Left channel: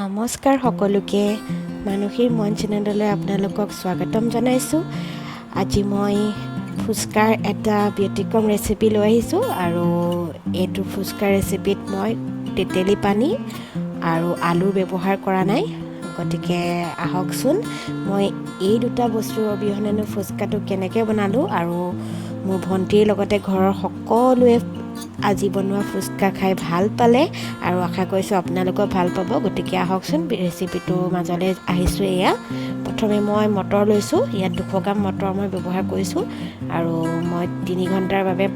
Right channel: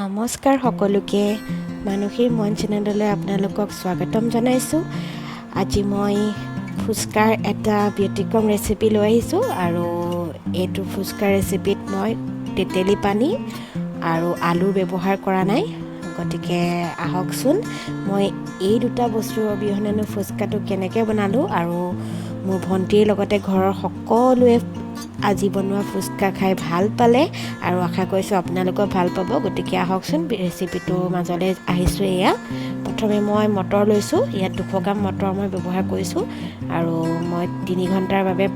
নমস্কাৰ সকলোকে মানসীৰ মন চেনেললৈ আপোনালোকক স্বাগতম জনাইছোঁ। আজি মই ফুচকাৰ এটা ব্যতিক্ৰম ৰেচিপি লৈ আহিছোঁ আৰু এইটো ফুচকাৰ ৰেচিপিত মই তেতেলী পানী আৰু আলু ব্যৱহাৰ কৰা নাই। গতিকে আহকচোন মই এই দুটা বস্তুৰ অবিহনেনো ফুচকাটো কেনেকৈ বনালোঁ আৰু মোৰ ভণ্টিৰ লগতে ঘৰৰ সকলোৱে আজি বনোৱা ফুচকা খাই ভাল পালে আৰু আশা কৰিছোঁ আপোনালোকেও ভাল পাব। গতিকে আহকচোন ৰেচিপিটোৰ মাজলৈ আহিছোঁ। এয়া প্ৰথমে মই মটৰ লৈছোঁ। ইয়াত 200 গ্ৰাম মটৰ মই ব্যৱহাৰ কৰিছোঁ আৰু মই 3 ঘণ্টাৰ বাবে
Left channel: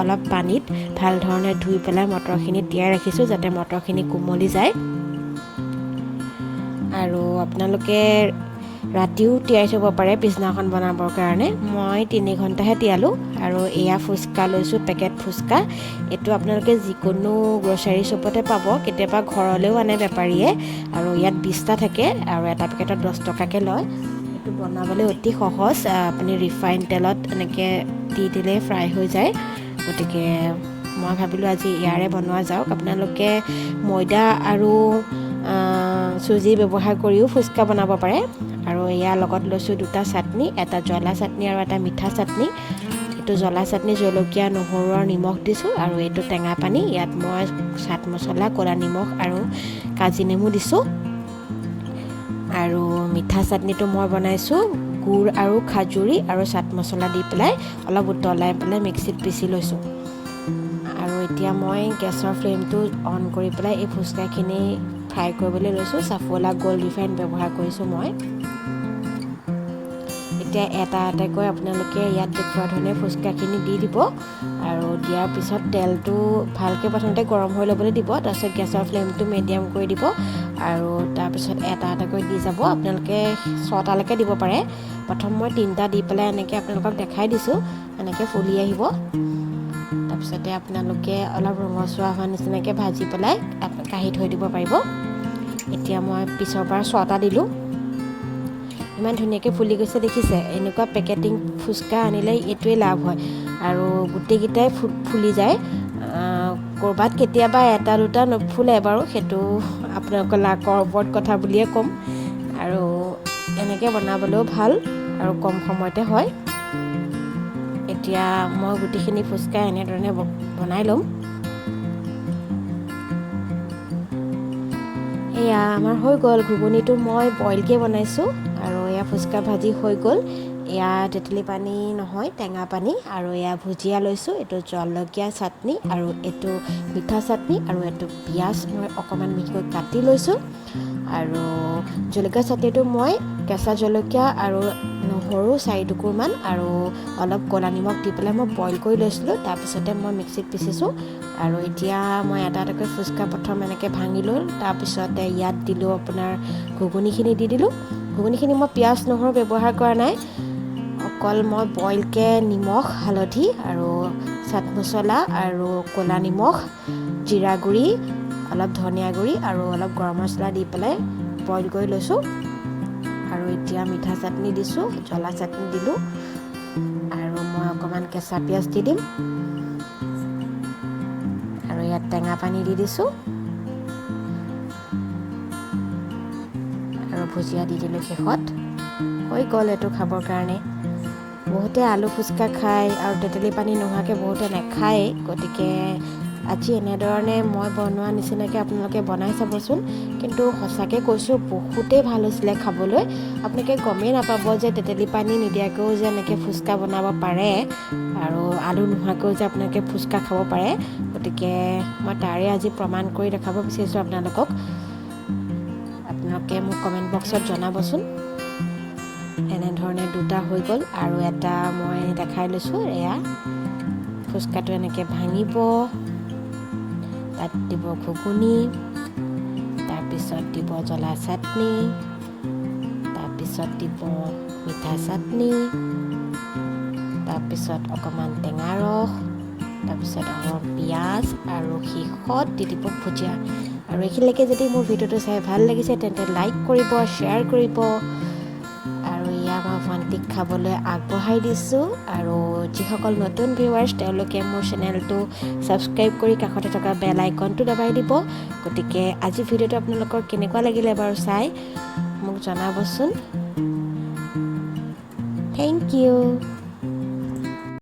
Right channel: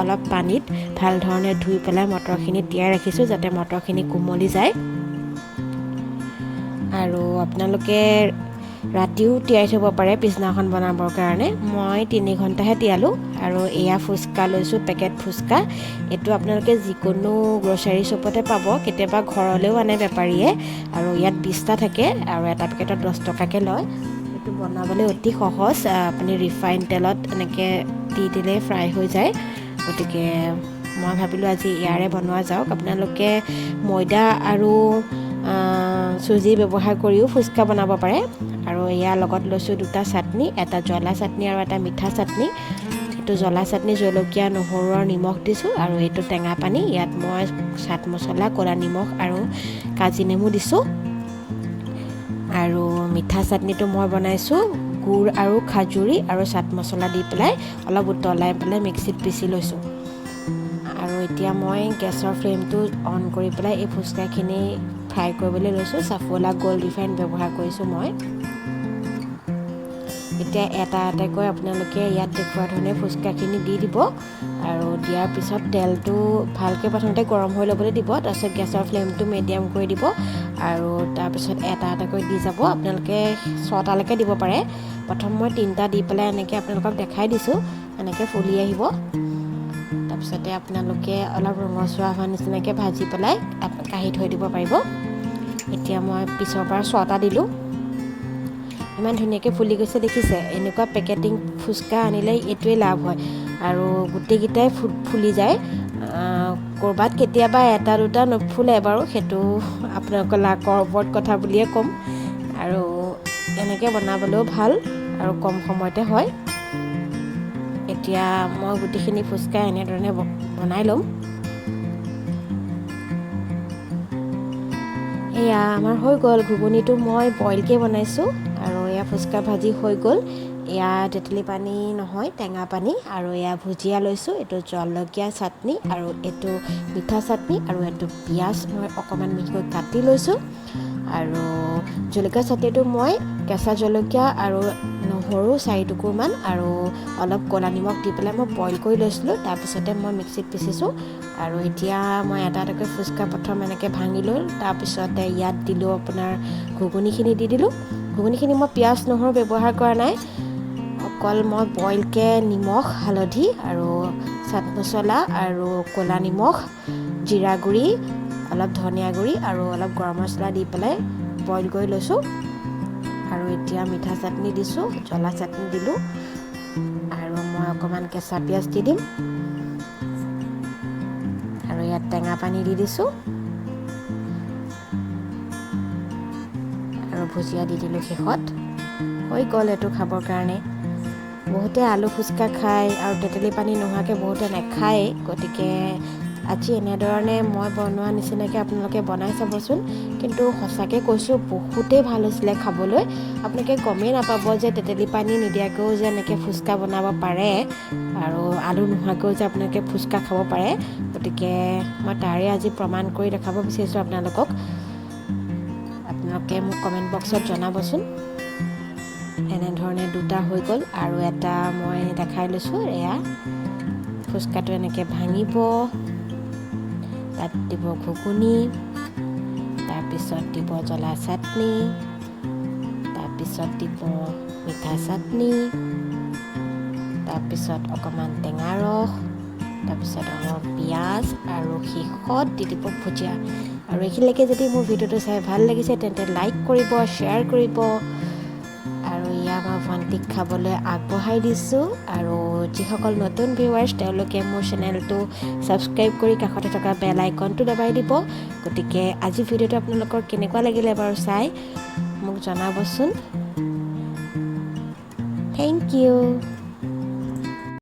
অলপ পানীত ভাল ধৰণে ধুই পেলাই মটৰখিনি তিয়াই ৰাখিছোঁ যাতে মটৰখিনি কোমলি যায়। আৰু আপোনালোকে ৰাতিও তিয়াই থ'ব পাৰে পিছদিনাখন বনাবৰ কাৰণে। মই 3 ঘণ্টাহে তিয়ালোঁ। আৰু এয়া ফুচকা লৈছোঁ, পেকেট ফুচকা। এইটো আপোনালোকে যিকোনো গ্ৰ'চাৰী শ্বপতে পাব, কেতিয়াবা ঘৰলৈও আনে বেপাৰীয়ে। আৰু ইয়াত 20টা থাকে আৰু এটা পেকেটত 10 টকাকৈ লয়। এইটো বনাবলৈ অতি সহজ। আপুনি ৰিফাইন তেলত এনেকৈ দি দিলে ফ্ৰাই হৈ যায়। গতিকে মই ভাবিলোঁ আজি ইয়াৰে বনোৱা যাওক। আপোনালোকে ময়দা আৰু চুজি ব্যৱহাৰ কৰিও ফুচকা বনাব পাৰে। আৰু ইয়াৰ লগত লৈছোঁ 2টা চাটনি, এটা জ্বলা চাটনি আৰু এটা মিঠা চাটনি। এইটো জ্বলা চাটনি জলকীয়া, নহৰু আৰু নিমখ দিছোঁ আৰু এইটো টেঙা পানী। ইয়াত মই চাট মছলা, ক'লা নিমখ আৰু কাজি নেমু দিছোঁ। আৰু মিঠা চাটনিটো মই বনাইছোঁ গুড় আৰু খাজুৰি আৰু চাট মছলা দি পেলাই অলপ উতলাই পেলাই মিক্সিত পিচি লৈছোঁ। আৰু এতিয়া মই গেছৰ ফ্লেমটো অন কৰি পেলাই এই ফুচকাখিনি ফ্ৰাই কৰিবলৈ লৈছোঁ। চাফলা গ'ল্ড ৰিফাইন ব্যৱহাৰ কৰিছোঁ মই। এতিয়া এটা এটাকৈ আপোনালোকে ইয়াত দেখুওৱা ধৰণে ফুচকাখিনি দি দিব আৰু দিয়াৰ পিছত তেলটো ভালকৈ প্ৰথমতে গৰম হৈ ল'বলৈ দিব। তাৰপিছত গেছৰ ফ্লেমটো মিডিয়াম কৰি দিব আৰু তাৰপিছত এটা এটাকৈ দি যাব। আপোনালোকে 6টালৈকে দিব পাৰে। প্ৰথম মই 3টা দি পেলাই এনেকৈ আপোনালোকক দেখাই দিছোঁ। এনেকৈ ফুলি আহিব। তাৰপিছতে আপোনালোকে অলপ ৰঙচুৱা হোৱা নিচিনাকৈ ভাজি পেলাই কাঢ়ি থৈ দিব পাৰিব। এতিয়া মই পিছৰ পৰা 6টা দিলোঁ। ইমান ধুনীয়াকৈ ফুলি গৈছে দেখিছে। এনেকুৱা পেকেটিং ফুচকা আনিলে এইটোৱেই লাভ হয় আৰু গোটেইকেইটাই ফুলি যায়। ক'ৰবাত কেতিয়াবা এটা দুটা নুফুলে বাৰু, সেইটো আপোনালোকৰ লাকৰ ওপৰত কথা বুলিয়ে ক'ম। আৰু এনেকৈ বনাবলৈও ভাল আৰু কম সময়তে হয়। এতিয়া মই গোটেইখিনি ফুচকা এনেধৰণে বনাই ল'ম। এয়া আমাৰ হৈ গ'ল। ঘুগুনিটো মই বইলকৈ বনাইছোঁ আৰু এয়া ফুচকা ভাজি হৈ গ'ল। এয়া তেতেলী পানী নহয়, টেঙা পানী। আৰু এয়া ভুজিয়া লৈছোঁ। এইটো জলকীয়া চাটনি আৰু এইটো মিঠা চাটনি আৰু এইটো পিঁয়াজ মই অকণমান মিহিকৈ কাটি লৈছোঁ। আৰু জলকীয়া চাটনিটো মই কেঁচা জলকীয়া আৰু নহৰু 4 টুকুৰমান আৰু অলপ ক'লা নিমখ দি পেলাই মই বইল কৰি লৈছিলোঁ। তাৰপিছতে মই মিক্সিত পিচিছোঁ। আৰু এতিয়া মই এটা এটাকৈ ফুচকা প্ৰথম এনেকৈ ভাঙি লৈ তাৰপিছতে ইয়াত দিলোঁ আপোনাৰ ঘুগুনিখিনি দি দিলোঁ। ঘুগুনিখিনি মই পিঁয়াজ নহৰু ব্যৱহাৰ কৰা নাই। অকল মই বইলকৈ নিমখ, হালধি আৰু চাট মছলা আৰু ক'লা নিমখ, জিৰা গুড়ি, অলপ ধনিয়া গুড়ি আৰু অলপ গৰম মছলা দি পেলাই বইল কৰি লৈছোঁ। আৰু এতিয়া মিঠা চাটনি দিছোঁ, জ্বলা চাটনি দিলোঁ আৰু মই অকণমান কেঁচা পিঁয়াজ দি দিম। আৰু ইয়াত টেঙা পানী দি দিছোঁ আৰু ভুজিয়া দি দিলোঁ শেষত। হৈ গ'ল এইটো খাবৰ কাৰণে। বহুতে আলু ফুচকা খায় আৰু তেতেলী পানী নোহোৱাকৈ বহুতে নাখায়েই। গতিকে আজি এনেধৰণে মই বনোৱা নিচিনাকৈ আপোনালোকে বনাই চাবচোন। কিন্তু সঁচাকৈ কৈছোঁ বহুতেই ভাল হৈছিলে খাবলৈ। আপোনালোকে গমেই নাপাব যে তেতেলী পানী নিদিয়াকৈও যে এনেকৈ ফুচকা বনাব পাৰে আৰু আলু নোহোৱাকৈও যে আপোনালোকে ফুচকা খাব পাৰে। গতিকে মই তাৰে আজি প্ৰমাণ কৰি দেখাব বিচাৰিছোঁ আপোনালোকক। আপোনালোকে মোক কমেণ্ট বক্সত জনাবচোন। এনেধৰণে 2টা হৈ গ'ল আৰু এটা মই দেখাই লৈছোঁ। এয়া ফুচকাটো এনেকৈ ভাঙিব, তাত দিব ঘুগুনি, তাৰপিছত দিব জ্বলা চাটনি, তাৰপিছত দিব মিঠা চাটনি, তাৰপিছত অকণমান টেঙা ৰস, তাৰপিছত অকণমান পিঁয়াজ আৰু শেষত দি দিব ভুজিয়া। আৰু এইখিনিলৈকে যদি মোৰ ভিডিঅ'টো চাই ভাল লাগিছে তেন্তে লাইক কৰিব, শ্বেয়াৰ কৰিব আৰু এয়া মই ভণ্টিক খাবলৈ আগবঢ়াই দিছোঁ আৰু যিসকল নতুন ভিউৱাৰ্ছ তেওঁলোকে মোৰ চেনেলটো ছাবস্ক্ৰাইব কৰি কাষতে থকা বেল আইকনটো দবাই দিব। গতিকে আজি ভিডিঅ'টো আপোনালোকৰ কেনেকুৱা লাগিলে বাৰু চাই মোক জনাবচোন। Thank U.